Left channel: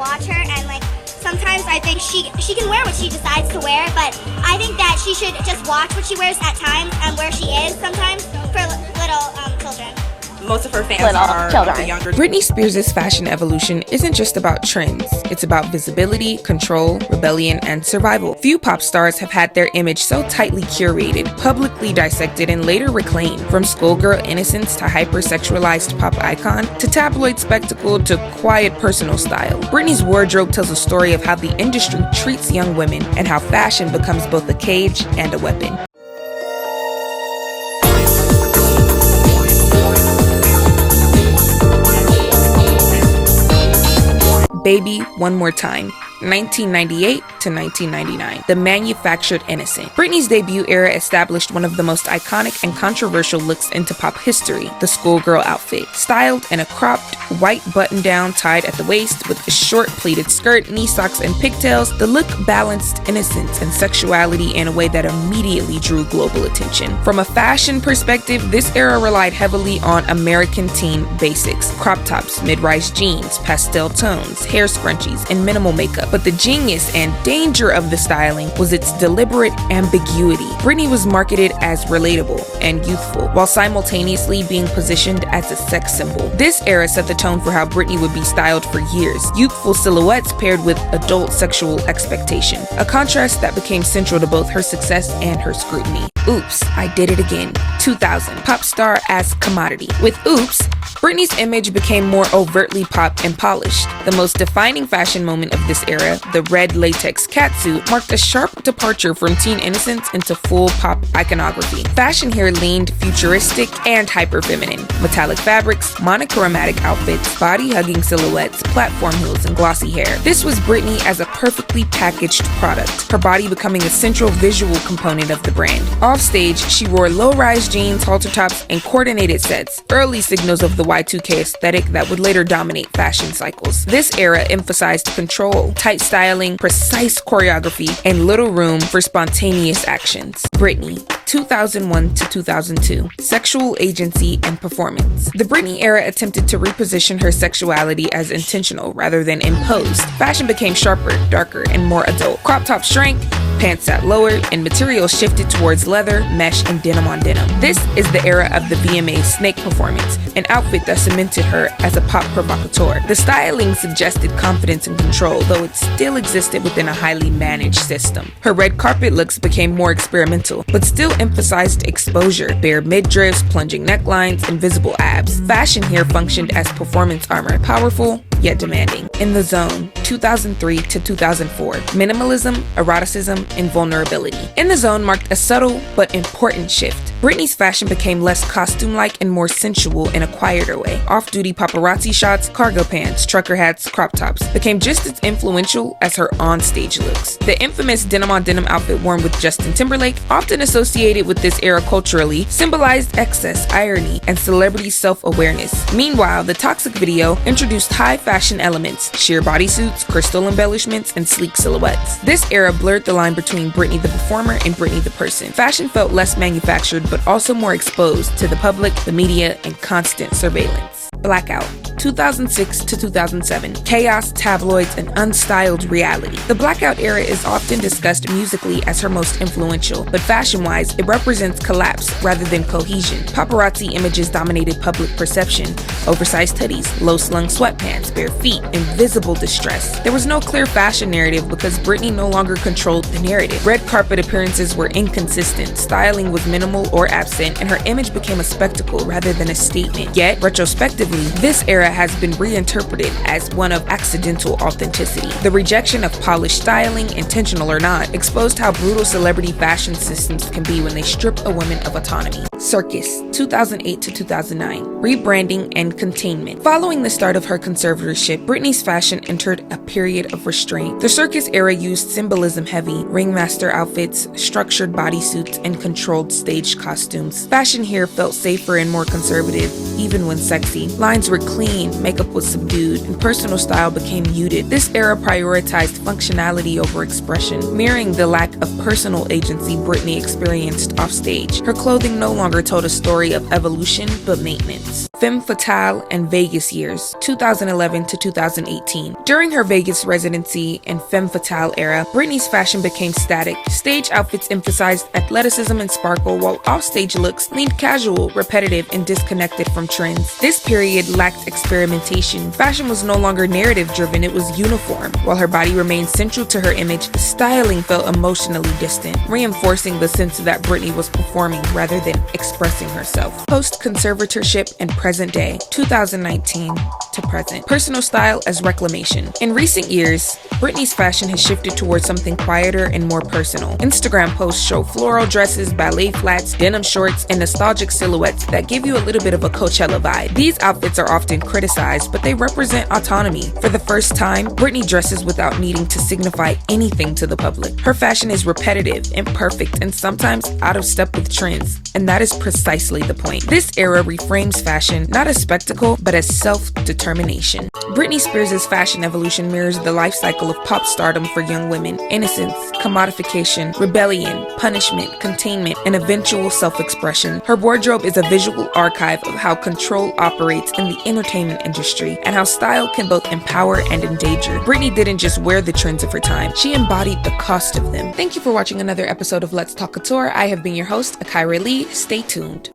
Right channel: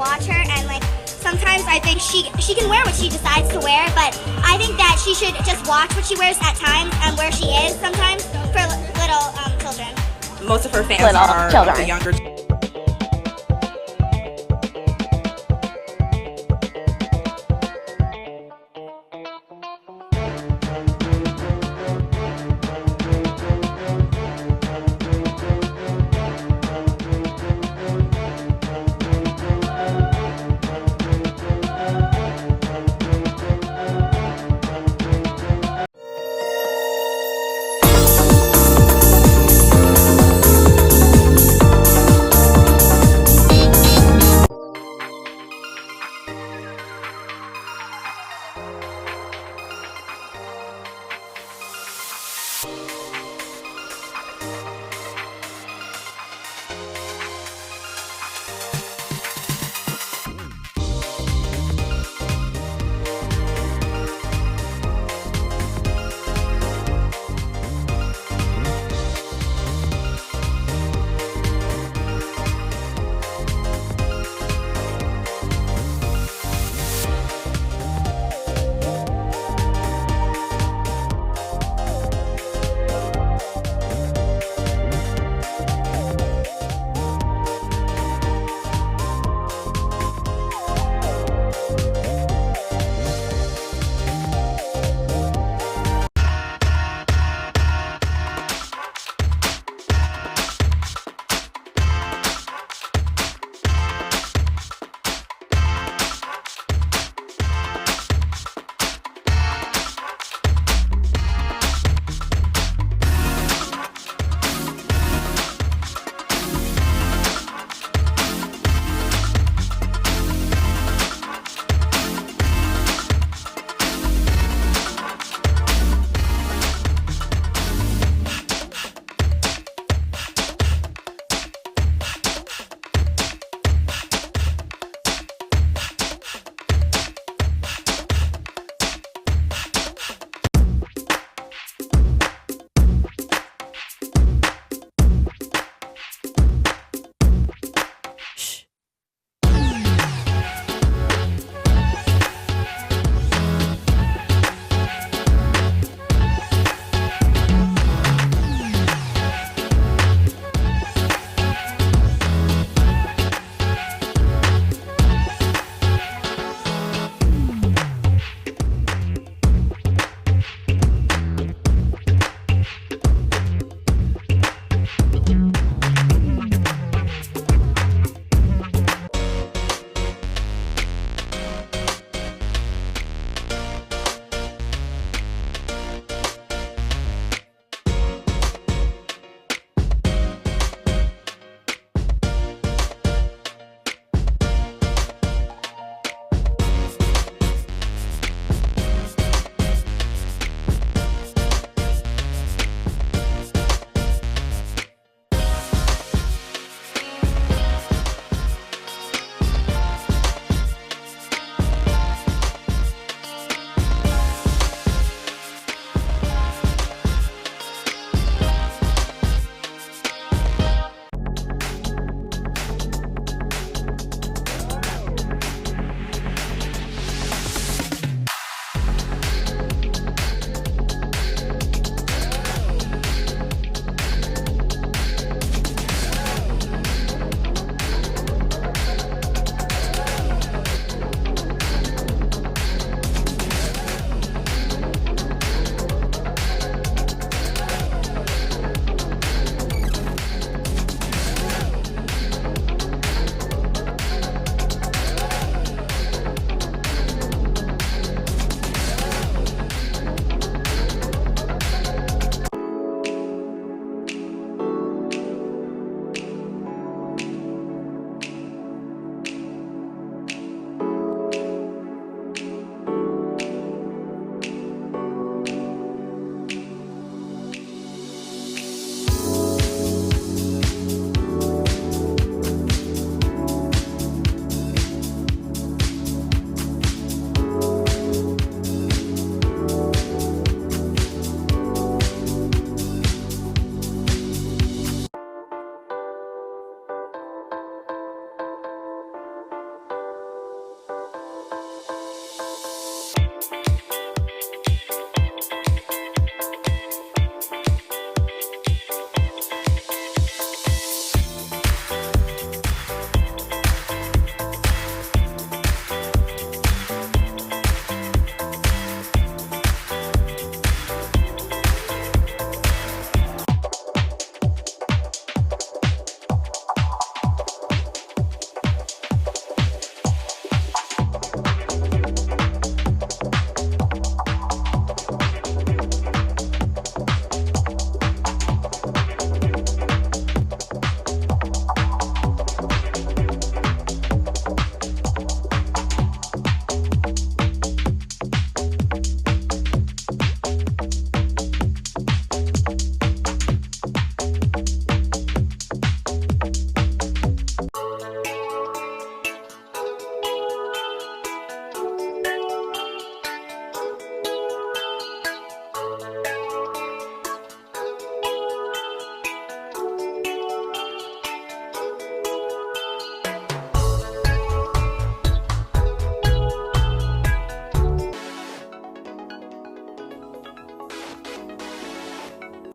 watch her, and like sometimes I think she can wear what she decides to wear, but I think that she should just watch what she wears at times and where she is sometimes for little children. Most of her fans Little are children. the younger. Britney Spears' fashion evolution isn't just about trends. It's about visibility, control, rebellion, and survival. Few pop stars have had their image so tightly curated, publicly dissected, and later reclaimed. From schoolgirl innocence to hypersexualized pop icon, to tabloid spectacle to quiet personal style. Britney's wardrobe tells a story of how the industry treats young women and how fashion becomes both a cage and a weapon. Baby One More Time, 1998 to 1999. The manufactured innocent. Britney's debut era established one of the most iconic and controversial looks into pop history, the schoolgirl outfit. Styled in a cropped, white button-down tied at the waist with a short pleated skirt, knee socks, and pigtails, the look balanced innocence and sexuality in a way that immediately drew global attention. From a fashion perspective, this era relied heavily on American teen basics. Crop tops, mid-rise jeans, pastel tones, hair scrunchies, and minimal makeup. But the genius and danger of the styling was its deliberate ambiguity. Britney was marketed as relatable and youthful, while simultaneously being positioned as a sex symbol. This era set the tone for how Britney would be styled for years. Youthful silhouettes paired with adult sexual expectation, a contrast that became central to both her success and her scrutiny. Oops, I Did It Again, 2000, pop star as commodity. With Oops, Britney's image became more overtly pop and polished. The most defining fashion moment of this era, the red latex catsuit, marked a sharp departure from teen innocence into full pop iconography. Fashion here leaned futuristic and hyper-feminine. Metallic fabrics, monochromatic outfits, body-hugging silhouettes, platform heels, and glossy hair. This was Britney as a perfectly packaged product, her body becoming a central visual component of the brand. Off stage, she wore low-rise jeans, halter tops, and coordinated sets, early signals of the Y2K aesthetic that would later dominate fashion cycles. This era emphasized control, tight styling, precise choreography, and little room for spontaneous actions. Britney, 2001 to 2002, sexual agency and performance. The Britney era attempted to reposition her sexuality as intentional rather than imposed. Fashion became sharper, darker, and more adult. Crop tops shrank, pants sat lower, and materials shifted towards leather, mesh, and denim on denim. This is the era of the VMA snake performance, an outfit that cemented her as a pop provocateur. The styling suggested confidence and control, though it still existed within a highly managed system. Her red carpet looks became more experimental, but still emphasized exposure, bare midriffs, plunging necklines, and visible abs. Fashion here functioned as performance armor, powerful yet demanding. In the Zone, 2003 to 2004, minimalism, eroticism, and vulnerability. In the Zone marked a subtle but important shift. Britney's fashion became less costume-like and more sensual in a quieter way. Off-duty paparazzi shots, cargo pants, trucker hats, crop tops became just as influential as her on-stage looks. The infamous denim-on-denim outfit worn with Justin Timberlake, often associated with this era culturally, symbolized excess, irony, and celebrity self-awareness. Meanwhile, the Toxic video introduced high-fashion elements, sheer bodysuits, crystal embellishments, and sleek silhouettes. This era blurred the line between Britney the performer and Britney the person. Fashion felt less manufactured, but also more exposed to the public, the media, and constant surveillance. Blackout, 2006 to 2007. Chaos, tabloids, and unstyled reality. The Blackout era is often discussed musically as her most influential, but fashion-wise, it represents collapse rather than cohesion. Paparazzi images dominated public perception. Oversized hoodies, low-slung sweatpants, bare feet, and visible distress. There was no clear fashion narrative because Britney no longer controlled the narrative. Red carpet appearances were inconsistent, styling was minimal or absent, and her image became a spectacle rather than a statement. Yet, retrospectively, this era has been reinterpreted as one of accidental authenticity. The rejection of polished styling, intentional or not, exposed how brutal celebrity fashion systems can be when they strip a woman of autonomy. Circus, 2008 to 2009. Rebranding and containment. Following the start of her conservatorship, Britney's fashion entered a period of restraint. The circus era used symbolism-heavy ringmaster outfits, structured bodysuits, and controlled stage costumes. Fashion here felt safer and more conservative, even when sexy. Lines were clean, makeup was subdued, and personal style became muted. This era prioritized functionality over expression, mirroring the lack of personal agency Britney experienced offstage. Her clothing no longer told a story of evolution, but maintenance. Femme Fatale and Vegas years, 2011 to 2018. During her Vegas residency and Femme Fatale era, Britney's fashion became static. Stage outfits emphasized athleticism and sparkle, while offstage looks leaned casual, repetitive, and disconnected from trends. This period lacked experimentation. Fashion was no longer narrative-driven, it was uniform. While her body remained central to her image, styling felt emotionally distant, reinforcing the sense that Britney was performing rather than expressing herself. Post-conservatorship and present day, 2019 to present. Personal style as reclamation. In recent years, Britney's fashion has shifted towards something quieter and more personal. Instagram posts show floral dresses, ballet flats, denim shorts, and nostalgic silhouettes that give you a little bit of a Coachella vibe. These outfits are often criticized, but they represent autonomy. For the first time, Britney dresses without needing to signify anything to the public. Her fashion is repetitive, imperfect, and sometimes out of step with trends, and that is precisely the point. This era reframes fashion not as spectacle, but as self-determination. Britney Spears' fashion evolution mirrors the life cycle of pop stardom for young women: innocence, commodification, rebellion, punishment, containment, and eventual self-expression. Her wardrobe is a visual archive of how control operates in the entertainment industry and how style can both empower and endanger. Britney didn't just wear the trends of her time, she embodied the cost of them. Thank you for watching another episode of Let's Talk Couture. I have been your host, Akira Lee. Stay tuned.